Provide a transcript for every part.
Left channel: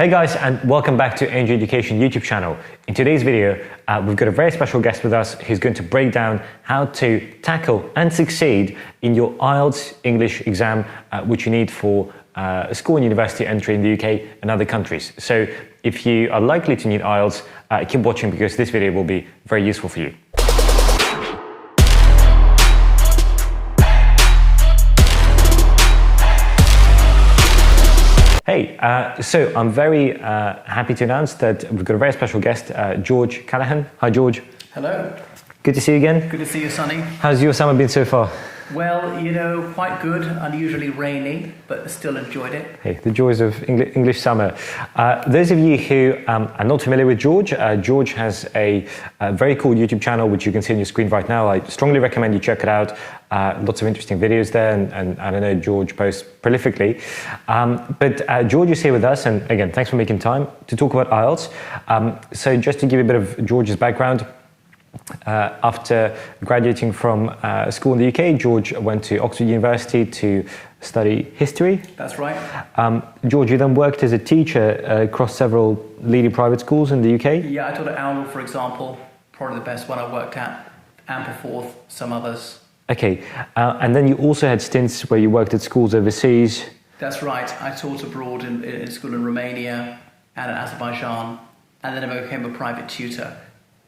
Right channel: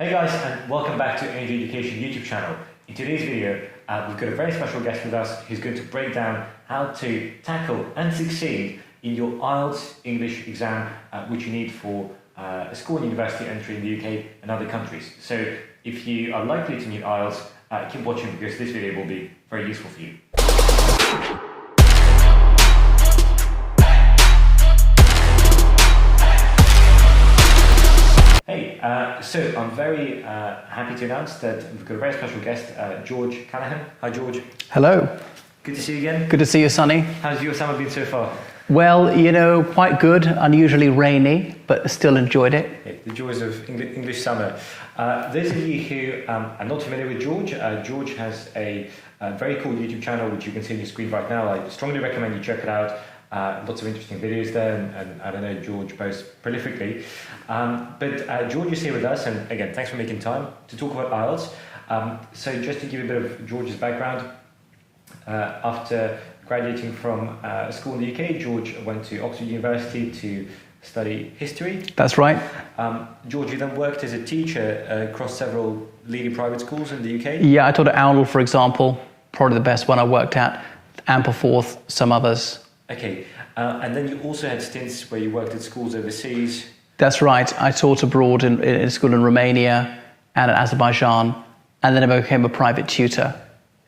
Hey guys, and welcome back to Angel Education YouTube channel. In today's video, we've got a very special guest with us who's going to break down how to tackle and succeed in your IELTS English exam, which you need for a school and university entry in the UK and other countries. So if you are likely to need IELTS, keep watching because this video will be very useful for you. Hey, so I'm very happy to announce that we've got a very special guest, George Callaghan. Hi, George. Hello. Good to see you again. Good to see you, Sonny. How's your summer been so far? Well, you know, quite good. Unusually rainy, but still enjoyed it. Hey, the joys of English summer. Those of you who are not familiar with George, George has a very cool YouTube channel, which you can see on your screen right now. I strongly recommend you check it out. Lots of interesting videos there, and I know George posts prolifically. But George is here with us, and again, thanks for making time to talk about IELTS. So just to give you a bit of George's background, after graduating from school in the UK, George went to Oxford University to study history. That's right. George, you then worked as a teacher across several leading private schools in the UK? Yeah, I taught at Owl, for example, probably the best one I worked at, Ampleforth, some others. Okay, and then you also had stints where you worked at schools overseas. That's right. I taught abroad in a school in Romania and in Azerbaijan, and then I became a private tutor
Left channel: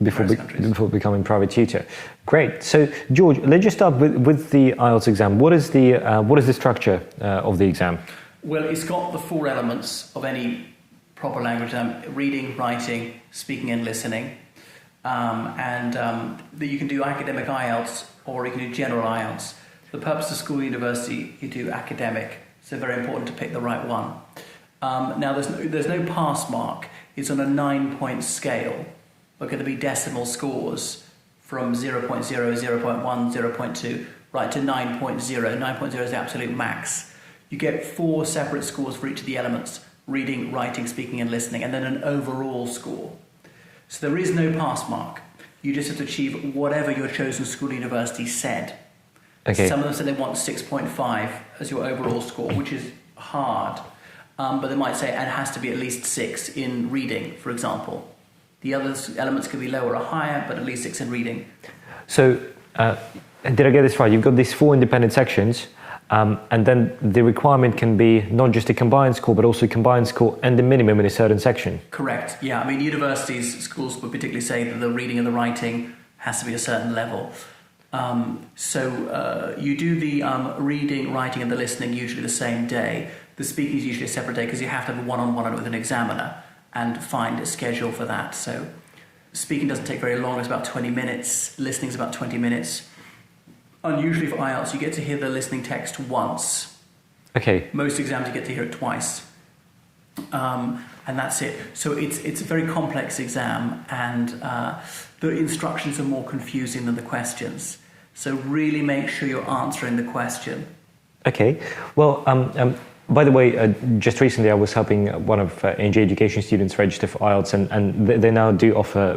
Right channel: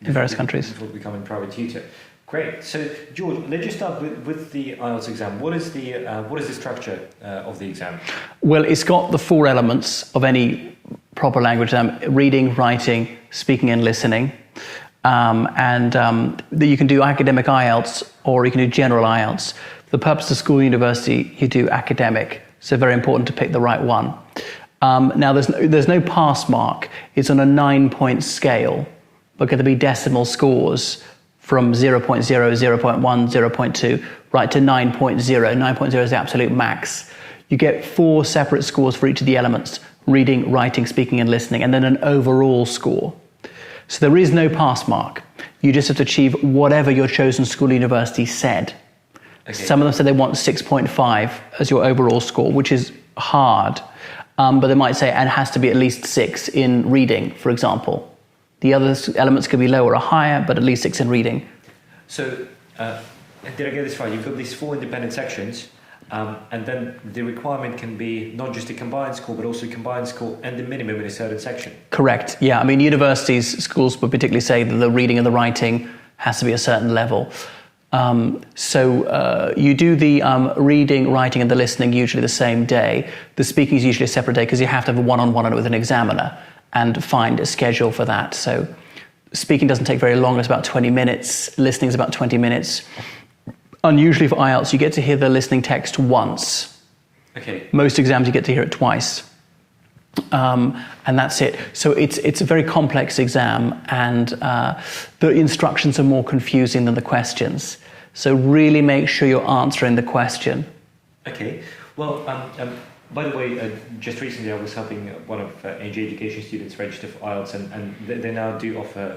in various countries. Before becoming private tutor. Great. So, George, let's just start with the IELTS exam. What is the structure of the exam? Well, it's got the four elements of any proper language exam: reading, writing, speaking, and listening. You can do academic IELTS or you can do general IELTS. For the purpose of school and university, you do academic. So very important to pick the right one. Now, there's no pass mark. It's on a 9-point scale. But going to be decimal scores from 0.0, 0.1, 0.2, right to 9.0. 9.0 is the absolute max. You get 4 separate scores for each of the elements: reading, writing, speaking, and listening, and then an overall score. So there is no pass mark. You just have to achieve whatever your chosen school or university said. Okay. Some of them said they want 6.5 as your overall score, which is hard. But they might say, and it has to be at least 6 in reading, for example. The other elements could be lower or higher, but at least 6 in reading. So, did I get this right? You've got these 4 independent sections, and then the requirement can be not just a combined score, but also a combined score and the minimum in a certain section. Correct. Yeah, I mean, universities, schools would particularly say that the reading and the writing has to be a certain level. You do the reading, writing, and the listening usually the same day. The speaking is usually a separate day because you have to have a one-on-one with an examiner and find a schedule for that. So speaking doesn't take very long, it's about 20 minutes, listening is about 20 minutes. Unusually for IELTS, you get to hear the listening text once. Okay. Most exams you get to hear it twice. And that's it. So it's a very complex exam, and the instructions are more confusing than the questions. So really make sure you're answering the question. Okay. Well, by the way, just recently I was helping one of NJ Education students register for IELTS, and they now do offer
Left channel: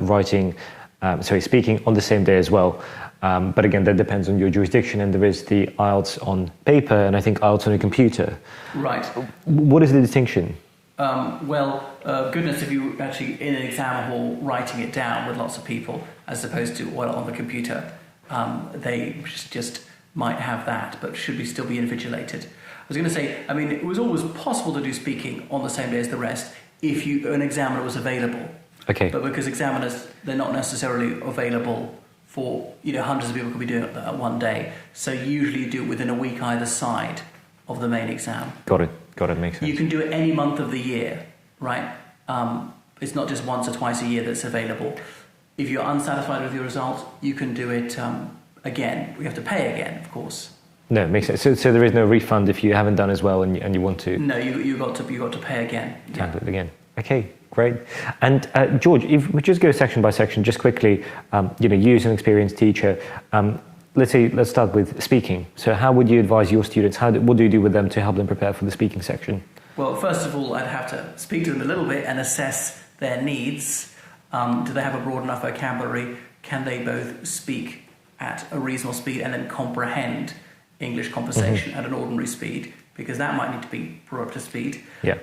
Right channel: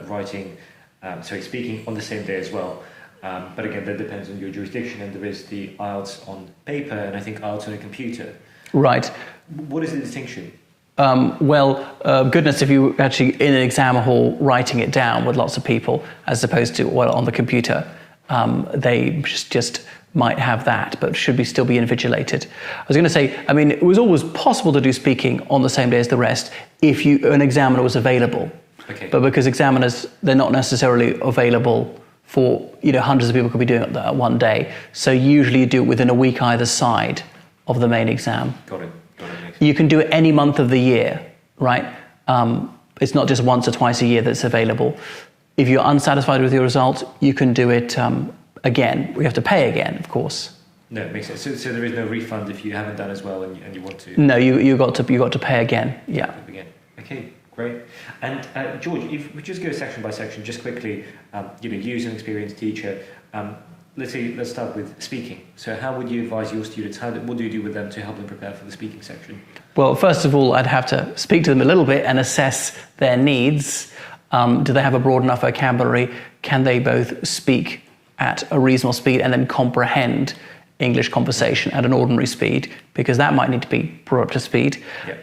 speaking on the same day as well. But again, that depends on your jurisdiction, and there is the IELTS on paper and I think IELTS on a computer. Right. What is the distinction? Goodness, if you actually in an exam hall writing it down with lots of people, as opposed to on the computer, they just might have that, but should still be invigilated. I was going to say, I mean, it was always possible to do speaking on the same day as the rest if an examiner was available. Okay. But because examiners, they're not necessarily available for, hundreds of people could be doing it that one day. So usually you do it within a week either side of the main exam. Got it, makes sense. You can do it any month of the year, right? It's not just once or twice a year that's available. If you're unsatisfied with your result, you can do it again. We have to pay again, of course. No, it makes sense. So there is no refund if you haven't done as well and you want to? No, you got to pay again. Yeah. Again. Okay, great. And George, if we just go section by section, just quickly, you as an experienced teacher, let's start with speaking. So how would you advise your students? What do you do with them to help them prepare for the speaking section? Well, first of all, I'd have to speak to them a little bit and assess their needs. Do they have a broad enough vocabulary? Can they both speak at a reasonable speed and then comprehend English conversation at an ordinary speed? Because that might need to be brought up to speed. Yeah.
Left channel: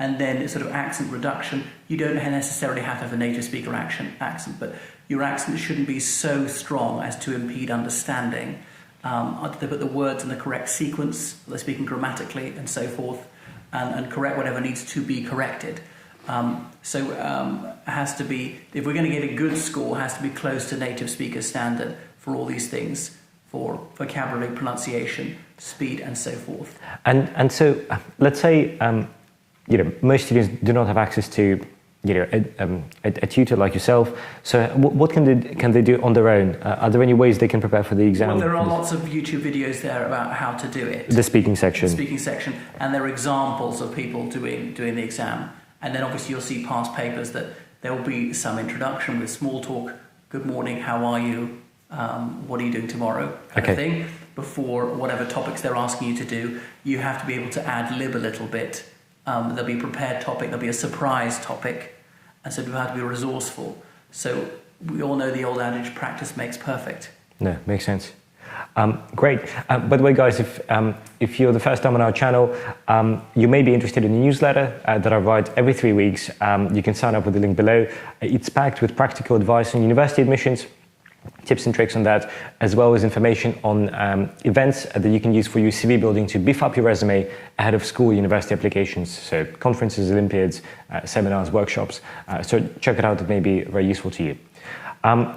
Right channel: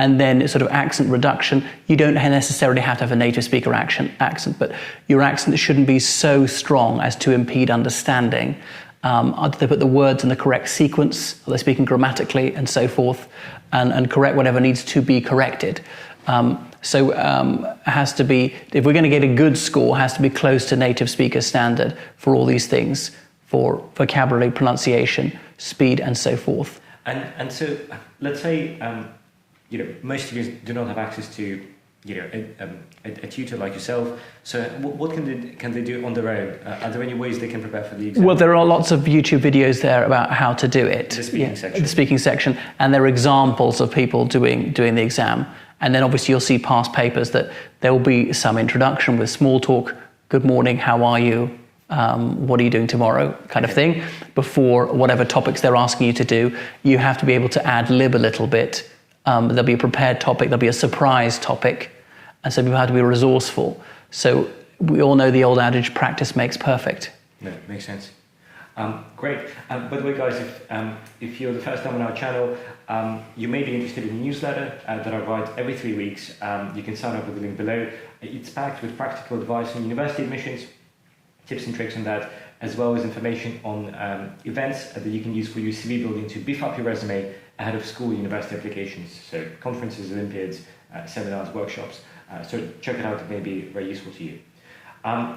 and then sort of accent reduction. You don't necessarily have to have a native speaker accent, but your accent shouldn't be so strong as to impede understanding. Do they put the words in the correct sequence? Are they speaking grammatically and so forth? And correct whatever needs to be corrected. It has to be, if we're going to get a good score, it has to be close to native speaker standard for all these things, for vocabulary, pronunciation, speed, and so forth. And so, let's say, most students do not have access to, a tutor like yourself. So, what can they do on their own? Are there any ways they can prepare for the exam? Well, there are lots of YouTube videos there about how to do it. The speaking section. The speaking section, and there are examples of people doing the exam. And then obviously you'll see past papers that there will be some introduction with small talk, good morning, how are you, what are you doing tomorrow, kind of thing. Before whatever topics they're asking you to do, you have to be able to ad lib a little bit. There'll be a prepared topic, there'll be a surprise topic, and so people have to be resourceful. So we all know the old adage, practice makes perfect. No, makes sense. Great. By the way, guys, if you're the first time on our channel, you may be interested in a newsletter that I write every 3 weeks. You can sign up with the link below. It's packed with practical advice on university admissions, tips and tricks on that, as well as information on events that you can use for your CV building to beef up your resume ahead of school university applications. So conferences, Olympiads, seminars, workshops. So check it out. It may be very useful to you.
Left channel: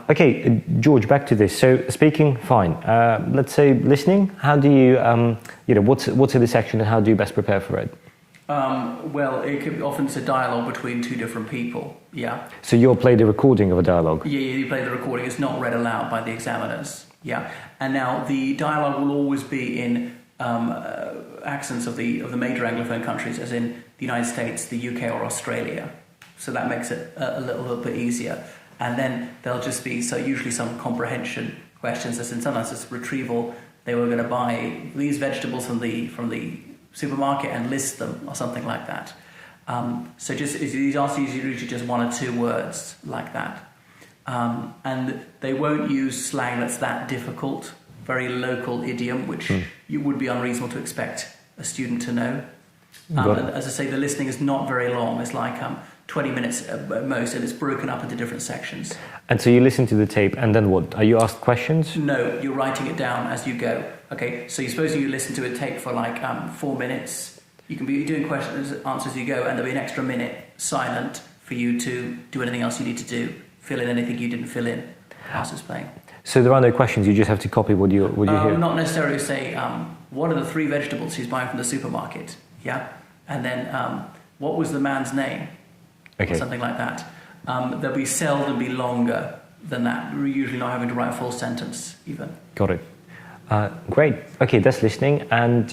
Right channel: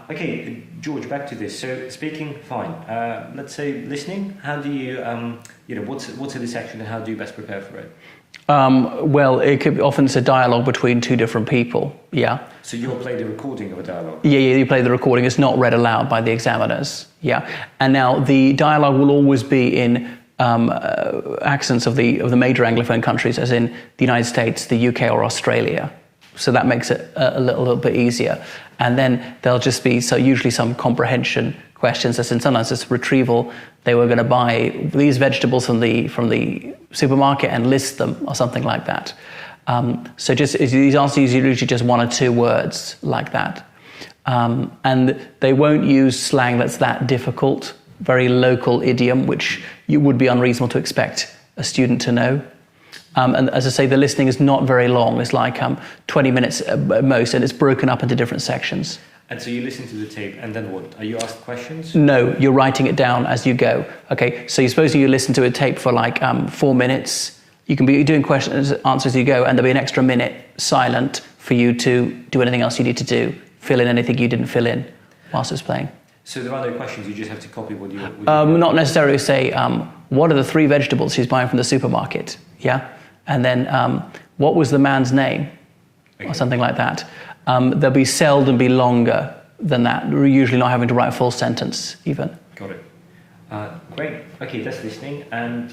Okay, George, back to this. So speaking, fine. Let's say listening. How do you, what's in the section and how do you best prepare for it? Well, often it's a dialogue between two different people. Yeah. So you'll play the recording of a dialogue? Yeah, you play the recording. It's not read aloud by the examiners. Yeah. And now the dialogue will always be in accents of the major Anglophone countries, as in the United States, the UK, or Australia. So that makes it a little bit easier. And then there'll just be usually some comprehension questions, as in sometimes it's retrieval. They were going to buy these vegetables from the supermarket and list them, or something like that. So just these answers are usually just 1 or 2 words like that. And they won't use slang that's that difficult, very local idiom, which you would be unreasonable to expect a student to know. And as I say, the listening is not very long. It's like 20 minutes at most, and it's broken up into different sections. And so you listen to the tape, and then what? Are you asked questions? No, you're writing it down as you go. Okay, so supposing you listen to a tape for like 4 minutes, you can be doing questions, answers as you go, and there'll be an extra minute silent for you to do anything else you need to do, fill in anything you didn't fill in whilst it's playing. So there are no questions, you just have to copy what you hear? Not necessarily say, what are the 3 vegetables she's buying from the supermarket? Yeah. And then, what was the man's name? Okay. Or something like that. They'll be seldom be longer than that. We're usually not having to write a full sentence, even. Got it. Great. Okay, that's listening. And,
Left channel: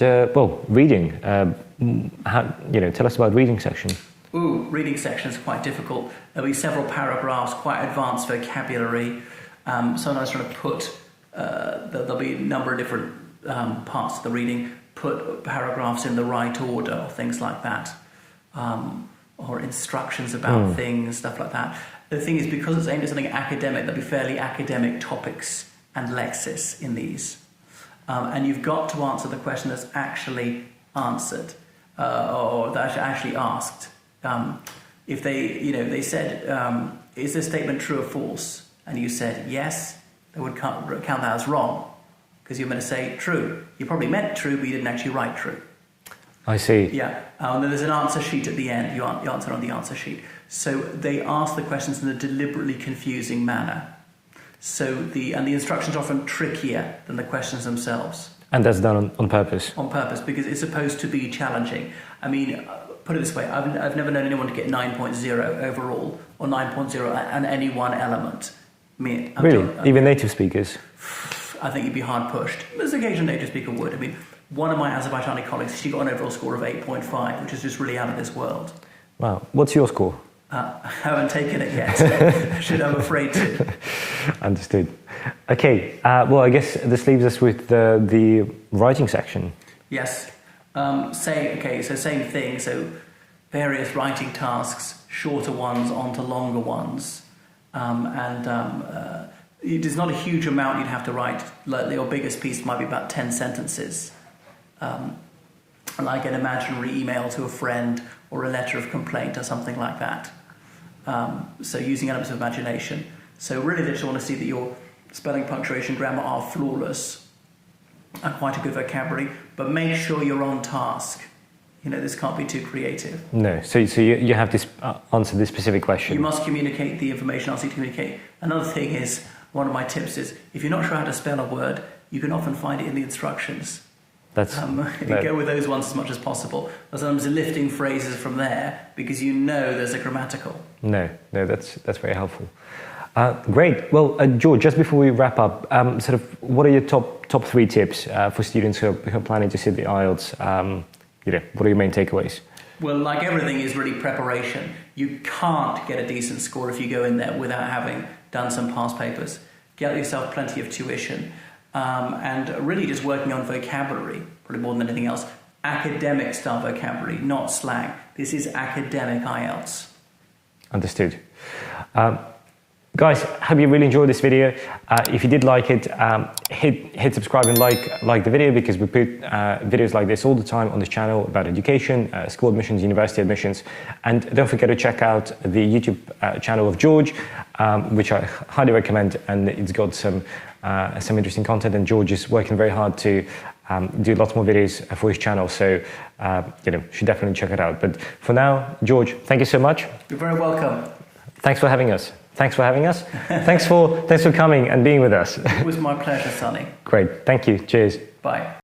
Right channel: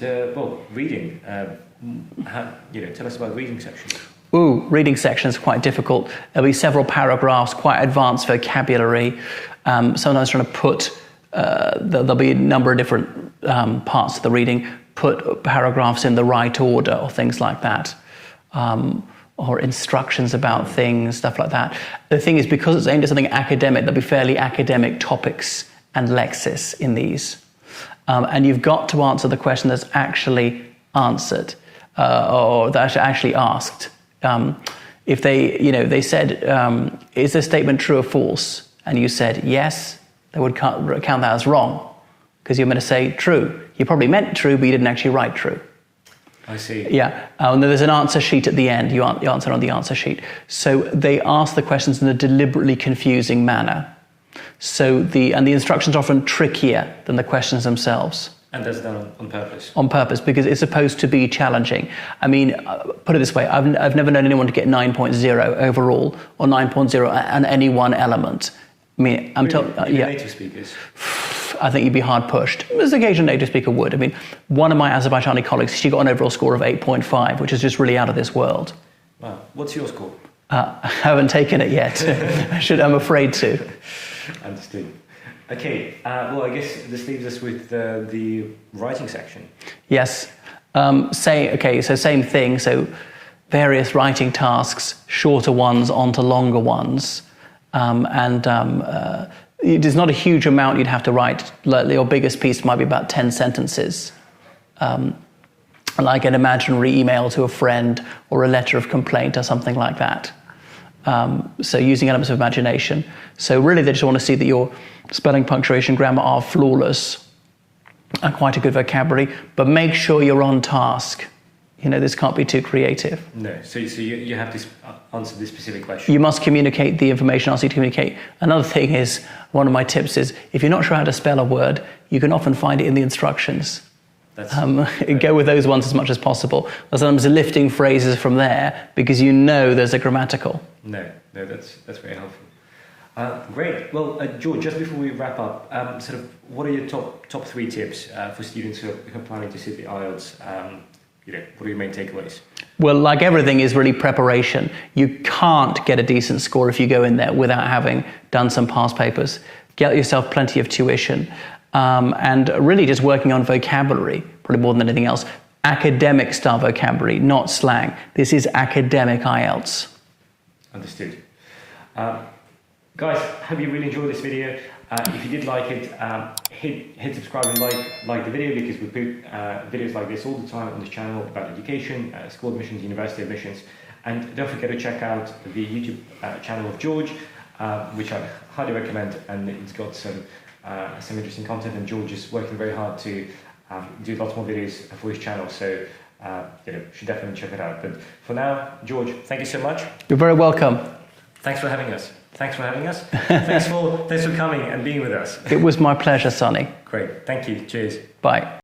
reading. Tell us about reading section. Ooh, reading section is quite difficult. There'll be several paragraphs, quite advanced vocabulary. Sometimes trying to put, there'll be a number of different parts of the reading, put paragraphs in the right order or things like that, or instructions about things, stuff like that. The thing is, because it's aimed at something academic, there'll be fairly academic topics and lexis in these. And you've got to answer the question that's actually answered, or that's actually asked. If they said, is this statement true or false? And you said yes, they would count that as wrong, because you're meant to say true. You probably meant true, but you didn't actually write true. I see. Yeah, and then there's an answer sheet at the end. You answer on the answer sheet. So they ask the questions in a deliberately confusing manner. So the instructions are often trickier than the questions themselves. And that's done on purpose? On purpose, because it's supposed to be challenging. I mean, put it this way, I've never known anyone to get 9.0 overall, or 9.0 on any one element. I mean, Even native speakers? I think you'd be hard pushed. There's an occasional native speaker would. I mean, one of my Azerbaijani colleagues, she got an overall score of 8.5, which is just really out of this world. Wow. What's your score? I haven't taken it yet. I'm afraid to. Understood. Okay. I guess this leaves us with the writing section. Yes. So same thing. So various writing tasks, shorter ones onto longer ones. There's not a huge amount you'd have to write. Your biggest piece might be about 10 sentences. like an imaginary email to a friend or a letter of complaint or something like that. So using elements of imagination. So really they just want to see that your spelling, punctuation, grammar are flawless and quite a good vocabulary, but make sure you're on task. You know, this can't be too creative. No, so you have to answer this specific question. You must communicate the information asked you to communicate. Another thing is, one of my tips is, if you're not sure how to spell a word, you can often find it in the instructions. That's Go with those ones as much as possible. Or sometimes lifting phrases from there because you know there's a grammatical. No, that's very helpful. Great. Well, George, just before we wrap up, sort of, what are your top 3 tips for students who are planning to sit the IELTS? What are your main takeaways? Well, like everything is really preparation. You can't get a decent score if you go in there without having done some past papers. Get yourself plenty of tuition. And really just working on vocabulary, probably more than anything else. Academic style vocabulary, not slang. This is academic IELTS. Understood. Guys, hope you really enjoyed this video. If you did like it, hit subscribe and like the video, because we put videos like this all the time on this channel about education, school admissions, university admissions. And don't forget to check out the YouTube channel of George, which I highly recommend, and it's got some interesting content, and George is working very hard to do lots more videos for his channel, so you should definitely check it out. But for now, George, thank you so much. You're very welcome. Thanks for having us. Thanks for coming and being with us. It was my pleasure, Sonny. Great. Thank you. Cheers. Bye.